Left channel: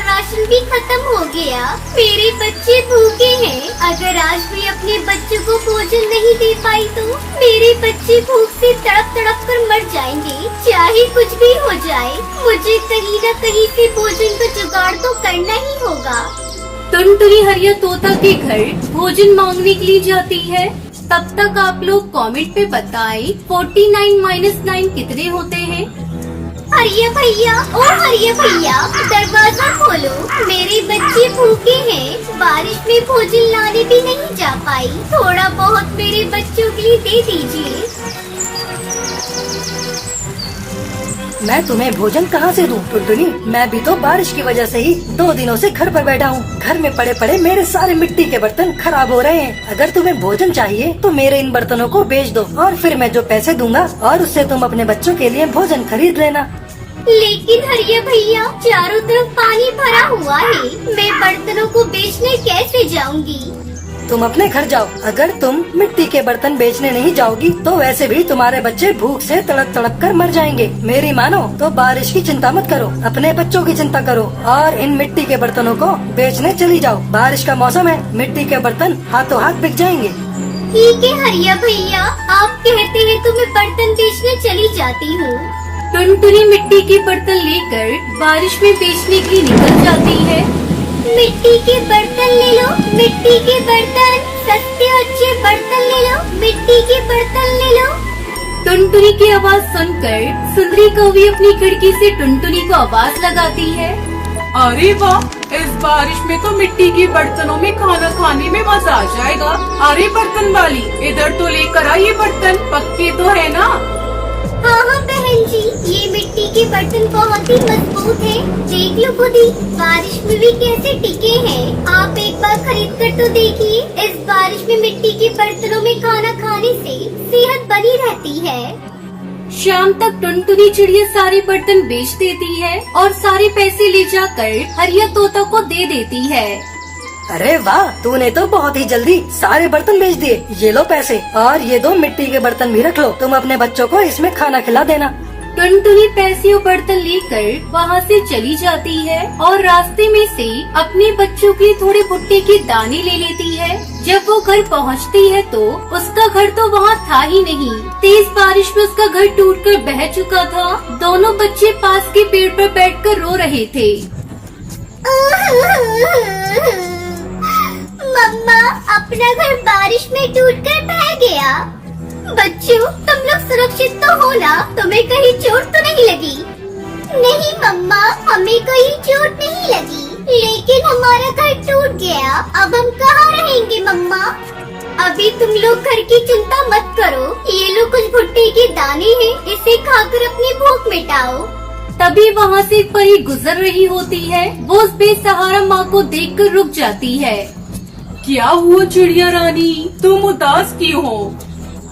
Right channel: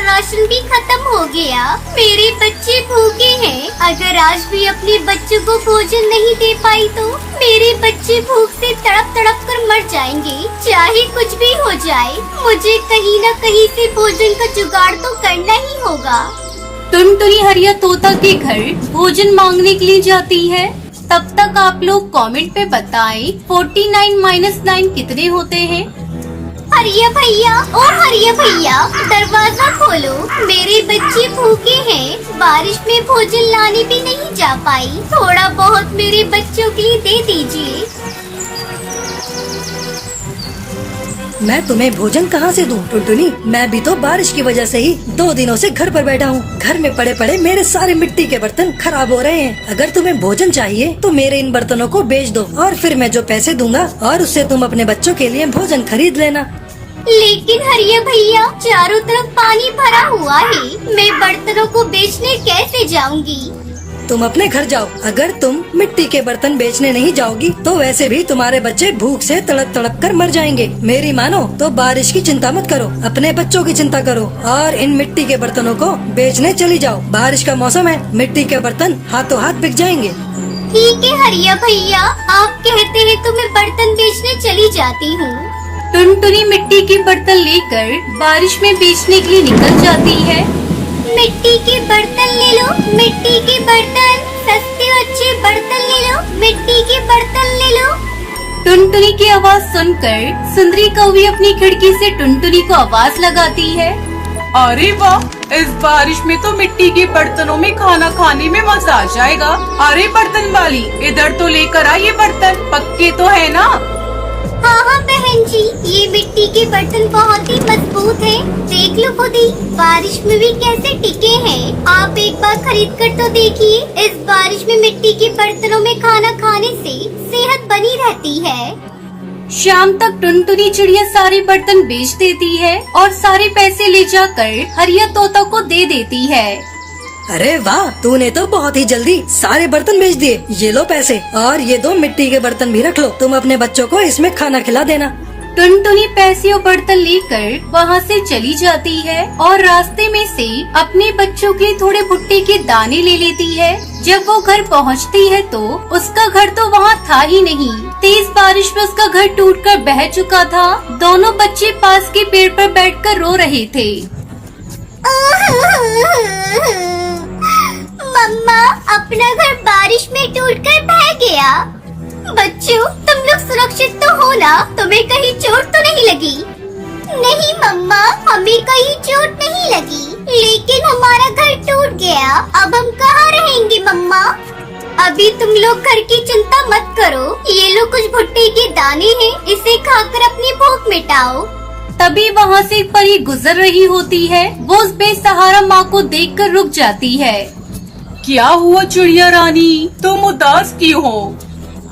Ration भी खत्म हो गया। मेरे बच्चे भूखे हैं। अगर आज भी अपने बच्चों को भोजन नहीं दे पाई तो मेरे बच्चे भूख से तड़प तड़प कर मर जाएंगे। चाहे कुछ भी हो जाए, मुझे कहीं न कहीं से भोजन का जुगाड़ तो करना ही होगा। टुनटुनी हरिया तोता के घर भोजन मांगने के लिए जाती है। तब तक आप लोग कमेंट पे बताएं 49 - 9 कितने होते हैं। हरिया भैया, ओ हरिया भैया, दरवाजा खोलो। मेरे बच्चे भूखे हैं। बारिश में भोजन लाने भी नहीं जा पाई। थोड़ा बहुत मेरे बच्चों के लिए दे दीजिए। मैं तुम्हें भोजन कहाँ से दूं टुनटुनी? मैं भी तो बारिश की वजह से ही 2 दिनों से घर पर बैठा हूँ। घर में पड़े पड़े मेरे सारे मिट्टी के बर्तन खराब हो रहे हैं। अगर तुम्हें भोजन चाहिए तो मेरे इन बर्तनों को बेच दो और फिर मैं जो पैसे दूंगा और उससे तुम अपने बच्चों के लिए भोजन खरीद लेना। लेकिन हरिया भैया, चारों तरफ पानी भरा हुआ है। मैं बर्तनों को बेचने कैसे जाऊंगी? तुम अपने घर जाओ। अगर तुम मिट्टी के बर्तन बेचने नहीं जाओगी तो वैसे भी तुम्हारे बच्चे भूख से तड़प तड़प कर मर जाएंगे। मेरी मानो तो बारिश की चिंता मत करो, अपने बच्चों की चिंता करो और इन मिट्टी के बर्तनों को बेचने चली जाओ। बारिश का मौसम है, मिट्टी के बर्तन हाथों हाथ बिक जाएंगे। ठीक है हरिया भैया, आप कहते हैं तो मैं बर्तन बेचने चली जाती हूँ। टुनटुनी मिट्टी के बर्तन लेकर बारिश में बेचने के लिए निकल जाती है। मिट्टी के बर्तन ले लो, मिट्टी के बर्तन, सस्ते अच्छे बर्तन ले लो, मिट्टी के बर्तन ले लो। टुनटुनी की आवाज सुनकर सुंदरी कौवी अपनी खिड़की से टुनटुनी को आवाज लगाती है। अरे वाह, इस बारिश में तो मिट्टी के बर्तनों में खाना खाने में मजा आ जाएगा। अरे बर्तन वाली, इधर तो लेकर आ ये बर्तन, पक्के तो है ना? हाँ हाँ बहन जी, ये मिट्टी के बर्तन बहुत ही मजबूत हैं। देख लो खुद ही, बारिश में भी कैसे टिके हैं। आप एक बार खरीद कर तो देखिए। इस बारिश में मिट्टी के बर्तनों में खाना खाने से सेहत बनी रहती है। शाम तक टुनटुनी चिड़िया सारे बर्तन बेच देती है और सारे पैसे ले जाकर हरिया तोता को दे देती है। अरे वाह, तूने तो बहुत ही जल्दी सारे बर्तन बेच दिए। ये लो पैसे और ये 2 मिट्टी के बर्तन भी रख लो। तुम अपने बच्चों को इसमें खाना खिला देना। टुनटुनी पैसे और बर्तन लेकर वहाँ से चली जाती है और रास्ते में से अपने बच्चों के थोड़े भुट्टे के दाने ले लेती है। जब वो घर पहुँचती है तो उसका घर तो वहाँ था ही नहीं। तेज बारिश में उसका घर टूटकर बह चुका था। दोनों बच्चे पास के पेड़ पर बैठकर रो रहे थे। मम्मा, अपना घर बारिश में टूटकर बह गया। बच्चों, तुम लोग सुरक्षित तो हो ना? तुम्हें कहीं चोट तो नहीं लगी? नहीं मम्मा, हमें कहीं चोट नहीं लगी, लेकिन हमारा घर टूट गया। अब हम कहाँ रहेंगे मम्मा? अभी तुम लोग घर की चिंता मत करो। ये लो कुछ भुट्टे के दाने हैं, इसे खाकर अपनी भूख मिटाओ। तभी वहाँ से एक परी गुजर रही होती है। वो उस बेसहारा माँ को देखकर रुक जाती है। क्या हुआ चिड़िया रानी, तुम उदास क्यों हो?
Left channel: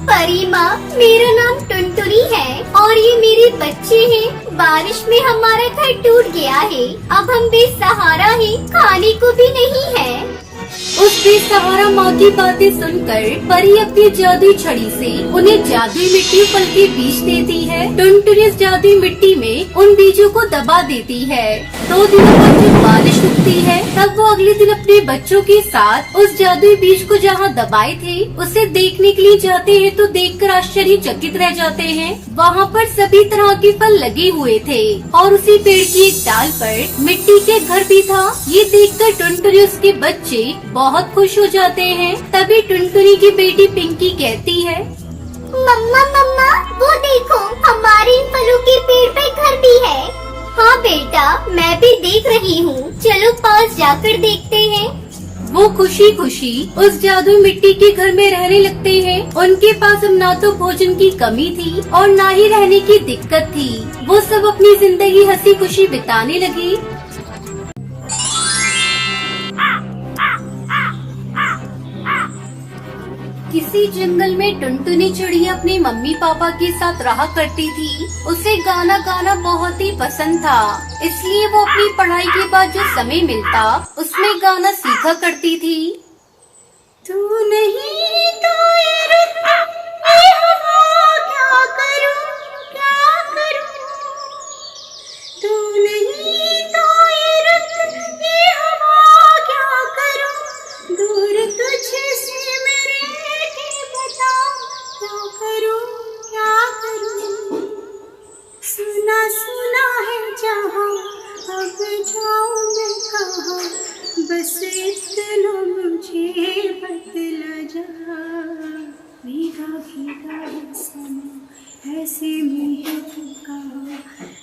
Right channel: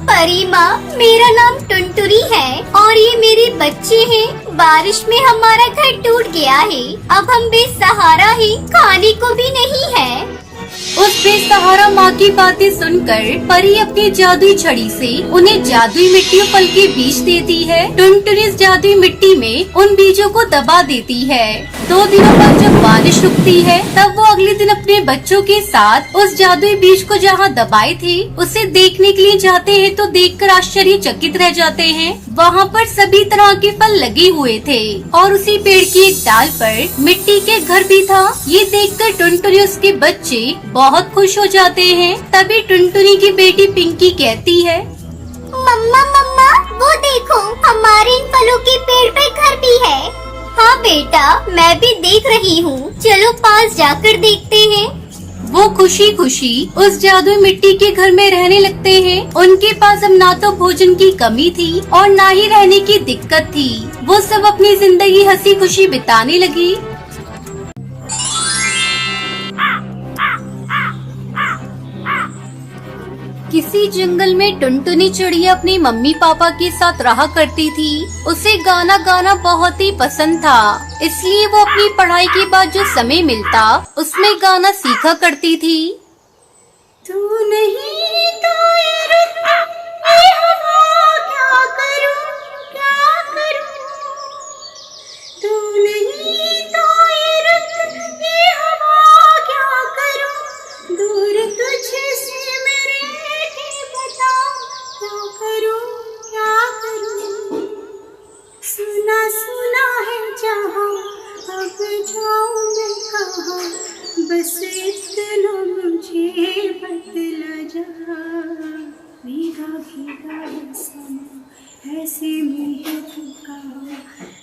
परी माँ, मेरा नाम टुनटुनी है और ये मेरे बच्चे हैं। बारिश में हमारा घर टूट गया है। अब हम बेसहारा हैं, खाने को भी नहीं है। उस बेसहारा माँ की बातें सुनकर परी अपनी जादुई छड़ी से उन्हें जादुई मिट्टी और फल के बीज देती है। टुनटुनी इस जादुई मिट्टी में उन बीजों को दबा देती है। 2 दिनों बाद जब बारिश रुकती है तब वो अगले दिन अपने बच्चों के साथ उस जादुई बीज को जहाँ दबाए थे उसे देखने के लिए जाते हैं तो देखकर आश्चर्यचकित रह जाते हैं। वहाँ पर सभी तरह के फल लगे हुए थे और उसी पेड़ की एक डाल पर मिट्टी के घर भी था। ये देखकर टुनटुनी उसके बच्चे बहुत खुश हो जाते हैं। तभी टुनटुनी की बेटी पिंकी कहती है, मम्मा मम्मा, वो देखो, हमारे इन फलों के पेड़ पे घर भी है। हाँ बेटा, मैं भी देख रही हूँ। चलो पास जाकर देखते हैं। वो खुशी खुशी उस जादुई मिट्टी के घर में रहने लगते हैं। उनके पास अब ना तो भोजन की कमी थी और ना ही रहने की दिक्कत थी। वो सब अपनी जिंदगी हंसी खुशी बिताने लगी। किसी जंगल में टुनटुनी चिड़िया अपनी मम्मी पापा के साथ रहा करती थी। उसे गाना गाना बहुत ही पसंद था, इसलिए वो अपनी पढ़ाई के बाद जो समय मिलता उसमें गाना सीखा करती थी। तू नहीं तो ये रुत, ये हवा, क्या करूं, क्या करूं। तू नहीं तो ये रुत, कैसे मुझको कहा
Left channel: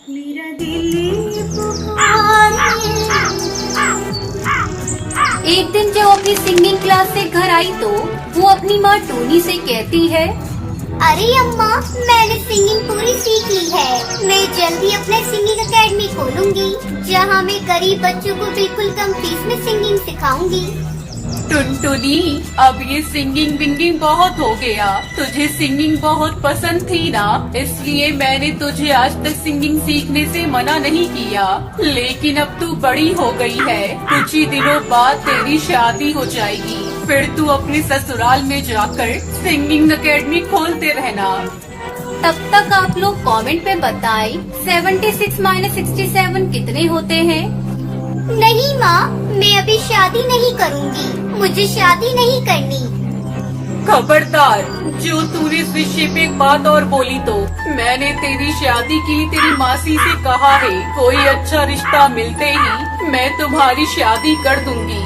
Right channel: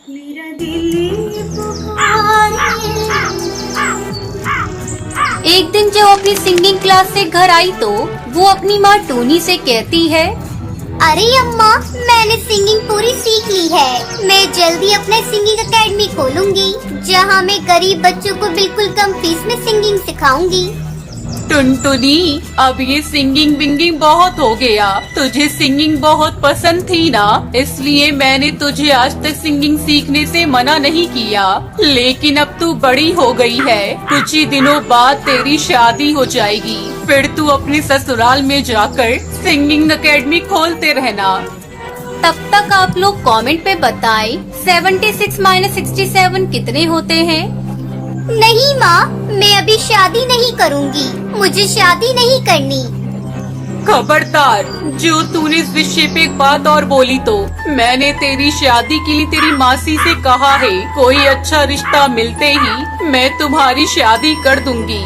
मेरा दिल पुकारे। एक दिन जब अपनी सिंगिंग क्लास से घर आई तो वो अपनी माँ टोनी से कहती है, अरे अम्मा, मैंने सिंगिंग पूरी सीख ली है। मैं जल्दी अपना सिंगिंग एकेडमी खोलूंगी, जहाँ मैं गरीब बच्चों को बिल्कुल कम फीस में सिंगिंग सिखाऊंगी। टुनटुनी, अब ये सिंगिंग विंगिंग बहुत हो गया। तुझे सिंगिंग बहुत पसंद थी ना, इसलिए मैंने तुझे आज तक सिंगिंग सीखने से मना नहीं किया। लेकिन अब तू बड़ी हो गई है, कुछ ही दिनों बाद तेरी शादी हो जाएगी, फिर तू अपने ससुराल में जाकर सिंगिंग एकेडमी खोलते रहना। तब तक आप लोग कमेंट पे बताएं 76 - 67 कितने होते हैं। नहीं माँ, मैं अभी शादी नहीं करूँगी, मुझे शादी नहीं करनी। खबरदार, जो तूने इस विषय पे एक बात और बोली तो मैंने तेरी शादी के लिए तेरी मासी से कहा है, कोई अच्छा रिश्ता मिलते ही मैं तुम्हारी शादी कर दूंगी।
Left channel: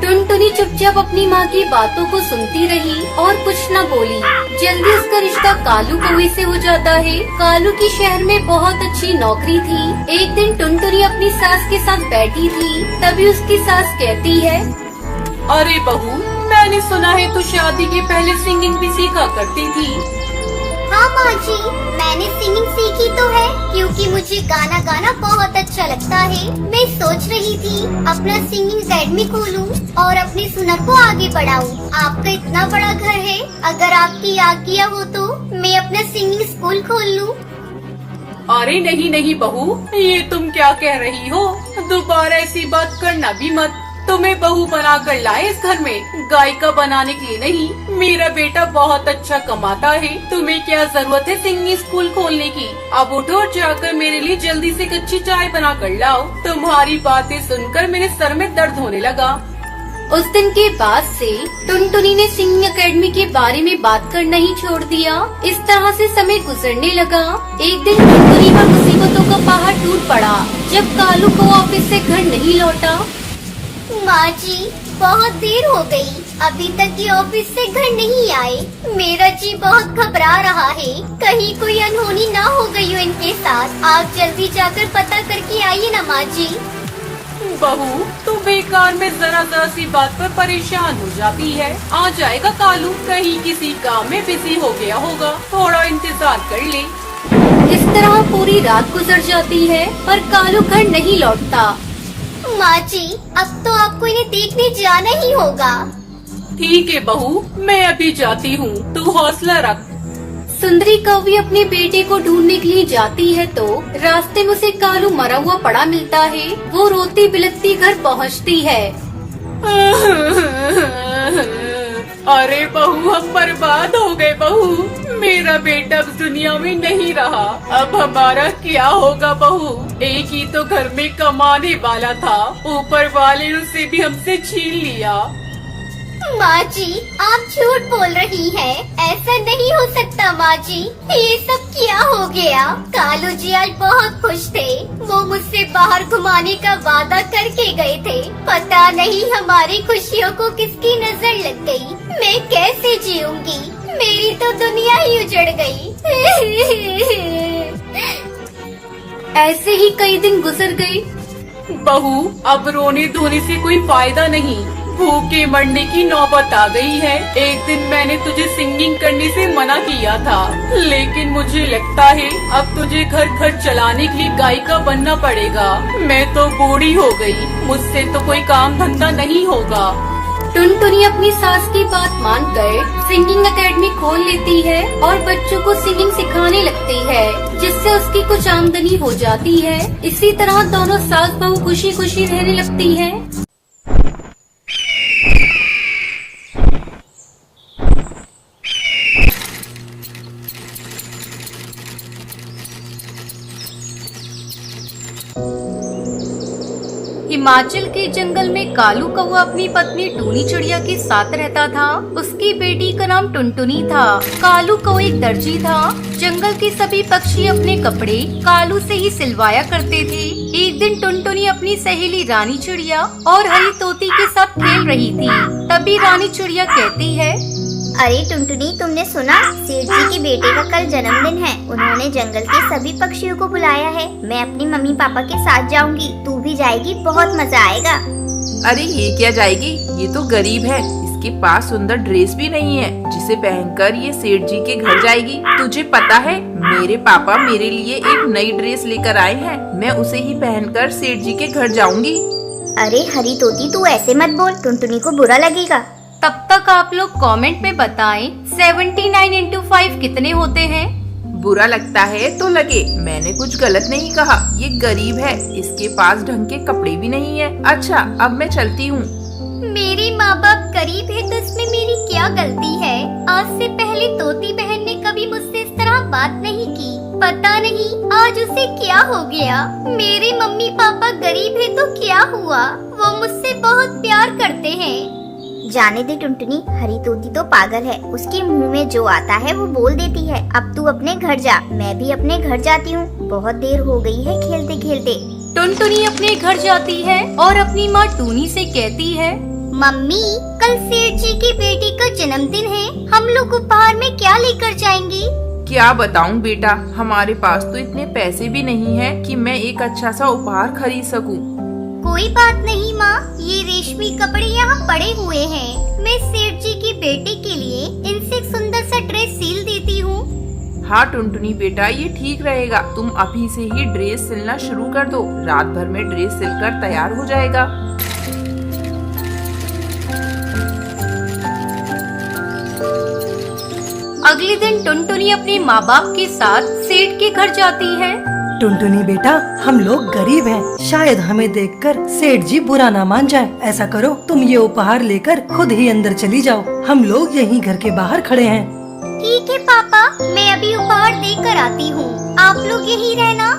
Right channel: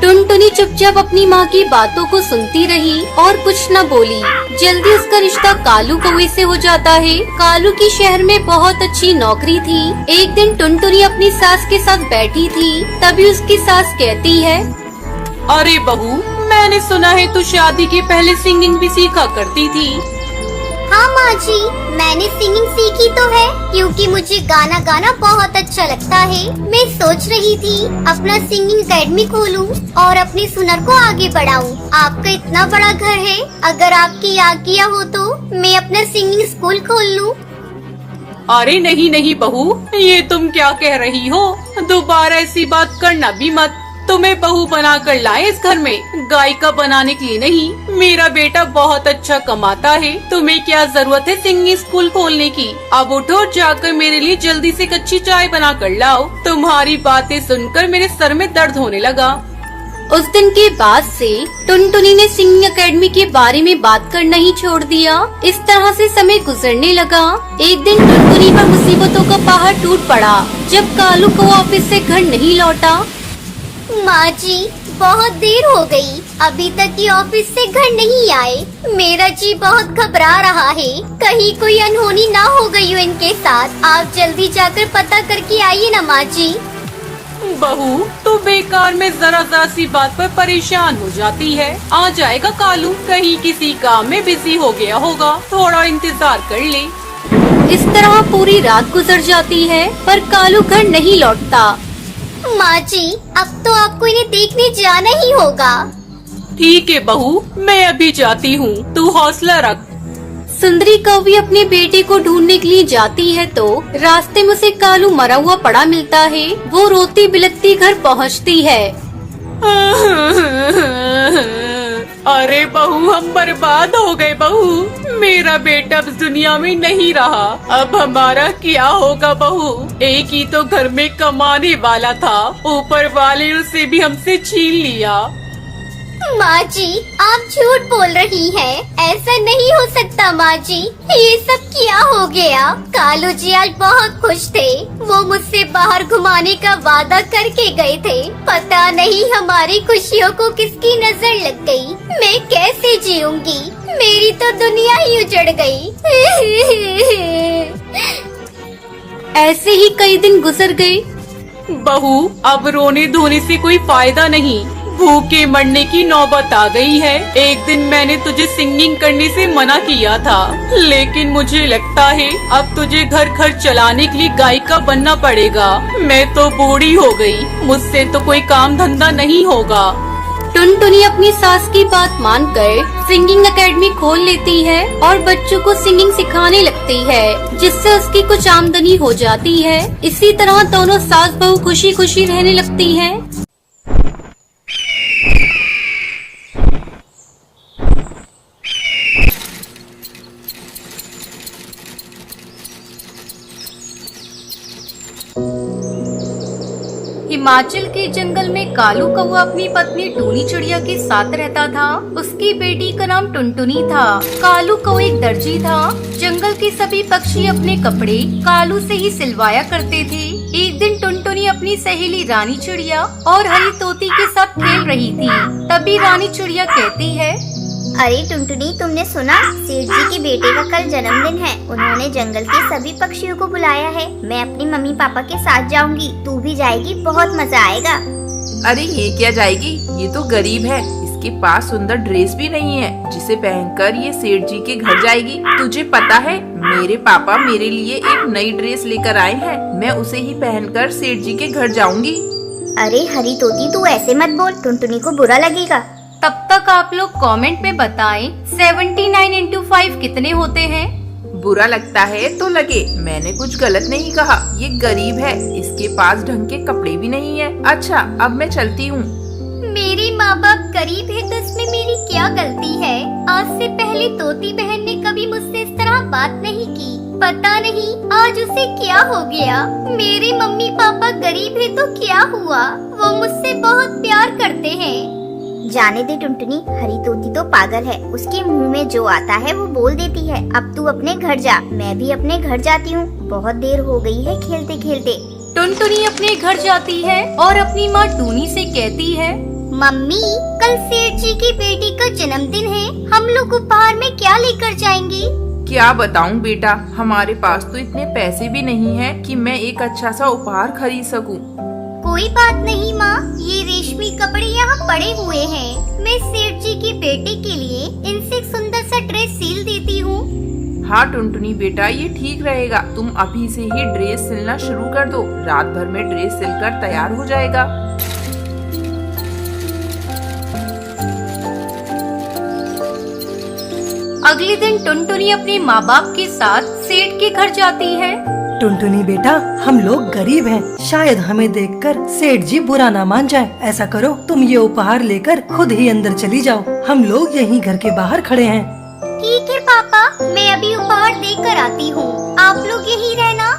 टुनटुनी चुपचाप अपनी माँ की बातों को सुनती रही और कुछ न बोली। जल्दी उसका रिश्ता कालू कौवे से हो जाता है। कालू की शहर में बहुत अच्छी नौकरी थी। एक दिन टुनटुनी अपनी सास के साथ बैठी थी, तभी उसकी सास कहती है, अरे बहू, मैंने सुना है तू शादी के पहले सिंगिंग भी सीखा करती थी। हाँ माँ जी, मैंने सिंगिंग सीखी तो है, क्योंकि मुझे गाना गाना बहुत अच्छा लगता है। मैं सोच रही थी अपना सिंगिंग एकेडमी खोलूं और अपनी सुनर को आगे बढ़ाऊं। आपका इतना बड़ा घर है, अगर आपकी आज्ञा हो तो मैं अपना सिंगिंग स्कूल खोल लूं। अरे नहीं नहीं बहू, ये तुम क्या कह रही हो? दोबारा ऐसी बात करना भी मत। तुम्हें बहू बना कर लाए इस घर में, गायिका बनाने के लिए नहीं। मेरा बेटा बहुत अच्छा कमाता है, तुम्हें क्या जरूरत है सिंगिंग स्कूल खोलने की? अब उठो और जाकर मेरे लिए जल्दी से कच्ची चाय बना कर लाओ। तुम्हारी बातें सुनकर मेरे सर में दर्द होने लगा। उस दिन के बाद से टुनटुनी ने सिंगिंग एकेडमी के बारे में बात करना ही छोड़ दिया। इस तरह से समय गुजरने लगा। एक दिन टुनटुनी पर मुसीबतों का पहाड़ टूट पड़ा जब कालू को ऑफिस से घर नहीं लौटा। माँ जी, बहुत देर हो गई, अभी तक ये ऑफिस से घर नहीं आए। मेरा जी बहुत घबरा रहा है, कहीं कोई अनहोनी ना हो गई हो इनके साथ। आप जल्दी जाकर पता करके आइए ना माँ जी। बहू, तो बेकार में जरा सी बात पर परेशान हो जाती है। आ जाएगा कालू, कहीं किसी काम में बिजी हो गया होगा, थोड़ा इंतजार कर ले। इस तरह पूरी रात गुजर जाती है, पर कालू घर नहीं लौटता। माँ जी, अब तो आपको इन्हें देखने जाना ही होगा। ठीक है बहू, मैं अभी जाती हूँ, तू हौसला रख। सुंदरी कौवी अपने बेटे को ढूंढने के लिए जाती है तो रास्ते में उसे कालू मरा हुआ पड़ा मिलता है। वो रोती बिलखती घर पहुँचती है। अरे बहू, हम बर्बाद हो गए बहू, मेरा बेटा अब दुनिया में नहीं रहा। अब हमारा क्या होगा बहू? एक ही तो घर में कमाने वाला था, ऊपर वाले ने उसे भी हमसे छीन लिया। माँ जी, आप झूठ बोल रही हैं। ऐसा नहीं हो सकता माँ जी, ये सब क्या हो गया? कालू जी आज बहुत खुश थे, वो मुझसे बाहर घुमाने का वादा करके गए थे। पता नहीं हमारी खुशियों को किसकी नजर लग गई। मैं कैसे जीऊंगी? मेरी तो दुनिया ही उजड़ गई। ऐसे ही कई दिन गुजर गए। बहू, अब रोने धोने से कोई फायदा नहीं, भूखे मरने की नौबत आ गई है। एक दिन मैंने तुझे सिंगिंग करने से मना किया था, लेकिन मुझे लगता है अब तुझे घर खर्च चलाने के लिए गायिका बनना पड़ेगा। मैं तो बूढ़ी हो गई, मुझसे तो कोई काम धंधा नहीं होगा। टुनटुनी अपनी सास की बात मानकर सिंगिंग एकेडमी खोल लेती है और बच्चों को सिंगिंग सिखाने लगती है, जिससे उसकी कुछ आमदनी हो जाती है। इसी तरह दोनों सास बहू खुशी खुशी रहने लगती हैं। हिमाचल के जंगल में कालू कौवा अपनी पत्नी टूनी चिड़िया के साथ रहता था। उसकी बेटी का नाम टुनटुनी था। कालू कौवा एक दर्जी था। जंगल के सभी पक्षी अपने कपड़े कालू से ही सिलवाया करते थे। एक दिन टुनटुनी अपनी सहेली रानी चिड़िया और हरी तोती के साथ खेल रही थी। तभी रानी चिड़िया कहती है, अरे टुनटुनी, तुमने सुना? सेठ जी के बेटे का कल जन्मदिन है। उन्होंने जंगल के सभी पक्षियों को बुलाया है। मैं अपनी मम्मी पापा के साथ जाऊंगी, तू भी जाएगी, बहुत मजा आएगा। अरे ये क्या जाएगी, ये तो गरीब है, इसके पास सुंदर ड्रेस भी नहीं है जिसे पहनकर ये सेठ जी के घर जाएगी। तुझे पता है मेरे पापा मेरे लिए एक नई ड्रेस लेकर आए हैं, मैं उसे ही पहनकर सेठ जी के घर जाऊंगी। अरे हरी तोती, तू ऐसे मत बोल, टुनटुनी को बुरा लगेगा। तब तक आप लोग कमेंट में बताएं 79 into 5 कितने होते हैं। बुरा लगता है तो लगे, मैंने कुछ गलत नहीं कहा। ये गरीब है, इसके पास ढंग के कपड़े भी नहीं है। अच्छा अब मैं चलती हूँ। मेरे माँ बाप गरीब है तो इसमें मेरी क्या गलती है? आज से पहले तोती बहन ने कभी मुझसे इस तरह बात नहीं की। पता नहीं आज उसे क्या हो गया। मेरे मम्मी पापा गरीब है तो क्या हुआ, वो मुझसे बहुत प्यार करते हैं। जाने दे टुनटुनी, हरी तोती तो पागल है, उसके मुंह में जो आता है वो बोल देती है। अब तू अपने घर जा, मैं भी अपने घर जाती हूँ, बहुत देर हो गई है खेलते खेलते। टुनटुनी अपने घर जाती है और अपनी माँ टूनी से कहती है, मम्मी, कल सेठ जी की बेटी का जन्मदिन है, हम लोग उपहार में क्या लेकर जाएंगे? क्या बताऊं बेटा, हमारे पास तो इतने पैसे भी नहीं है कि मैं एक अच्छा सा उपहार खरीद सकूं। कोई बात नहीं माँ, ये रेशमी कपड़े यहाँ पड़े हुए हैं। मैं सेठ जी की बेटे के लिए इनसे एक सुंदर सा ड्रेस सिल देती हूँ। हाँ टुनटुनी बेटा, ये ठीक रहेगा। तुम अभी से ही ड्रेस सिलना शुरू कर दो, रात भर में ड्रेस सिलकर तैयार हो जाएगा। अगले दिन टुनटुनी अपने माँ बाप के साथ सेठ के घर जाती है। टुनटुनी बेटा, हम लोग गरीब हैं, शायद हमें देखकर सेठ जी बुरा ना मान जाए। ऐसा करो, तुम ये उपहार लेकर खुद ही अंदर चली जाओ, हम लोग यहीं घर के बाहर खड़े हैं। ठीक है पापा, मैं अभी उपहार देकर आती हूँ, आप लोग यहीं रहना।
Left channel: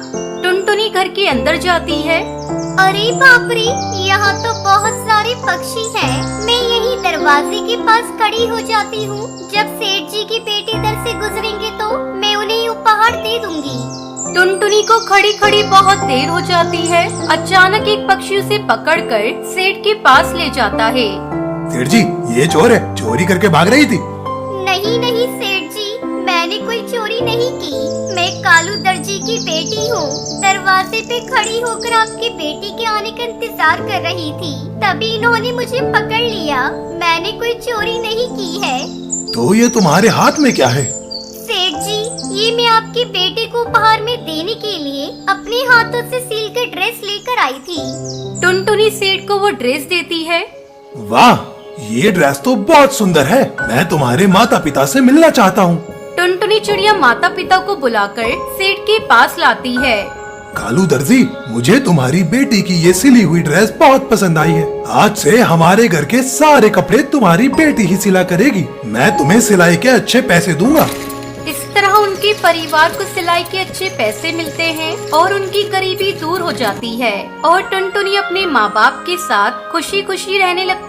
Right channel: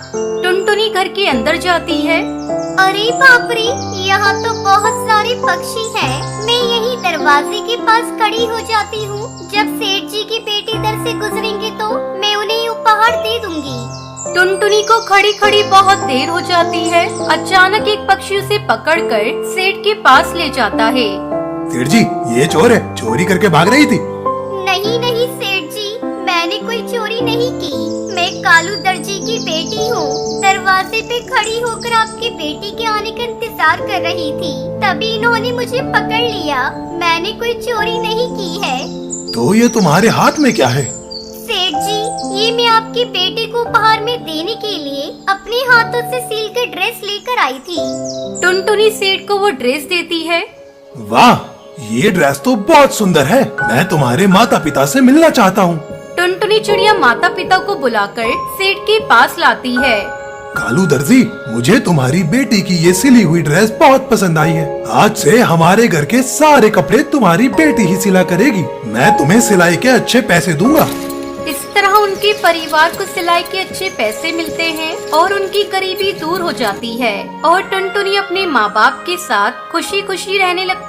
टुनटुनी घर के अंदर जाती है। अरे बाप रे, यहाँ तो बहुत सारे पक्षी हैं। मैं यही दरवाजे के पास खड़ी हो जाती हूँ। जब सेठ जी की बेटी इधर से गुजरेंगे तो मैं उन्हें उपहार दे दूंगी। टुनटुनी को खड़ी खड़ी बहुत देर हो जाती है। अचानक एक पक्षी उसे पकड़कर सेठ के पास ले जाता है। सेठ जी, ये चोर है, चोरी करके भाग रही थी। नहीं नहीं सेठ जी, मैंने कोई चोरी नहीं की। मैं कालू दर्जी की बेटी हूँ। दरवाजे पे खड़ी होकर आपकी बेटी के आने का इंतजार कर रही थी, तभी इन्होंने मुझे पकड़ लिया। मैंने कोई चोरी नहीं की है। तो ये तुम्हारे हाथ में क्या है? सेठ जी, ये मैं आपके बेटे को उपहार में देने के लिए अपने हाथों से सील कर ड्रेस लेकर आई थी। टुनटुनी सेठ को वो ड्रेस देती है। वाह, ये ड्रेस तो बहुत सुंदर है, मैं तुम्हारे माता पिता से मिलना चाहता हूँ। टुनटुनी चिड़िया माता पिता को बुलाकर सेठ के पास लाती है। कालू दर्जी, मुझे तुम्हारी बेटी की ये सिली हुई ड्रेस बहुत पसंद आई है। आज से हमारे घर के सारे कपड़े तुम्हारी बेटी ही सिला करेगी। मैं तुम्हें सिलाई के अच्छे पैसे दूंगा। इस तरह उनके परिवार को सिलाई के अच्छे पैसे मिलते हैं और उनकी गरीबी दूर हो जाती है और टुनटुनी अपने माँ बाप के साथ खुशी खुशी रहने लगती है।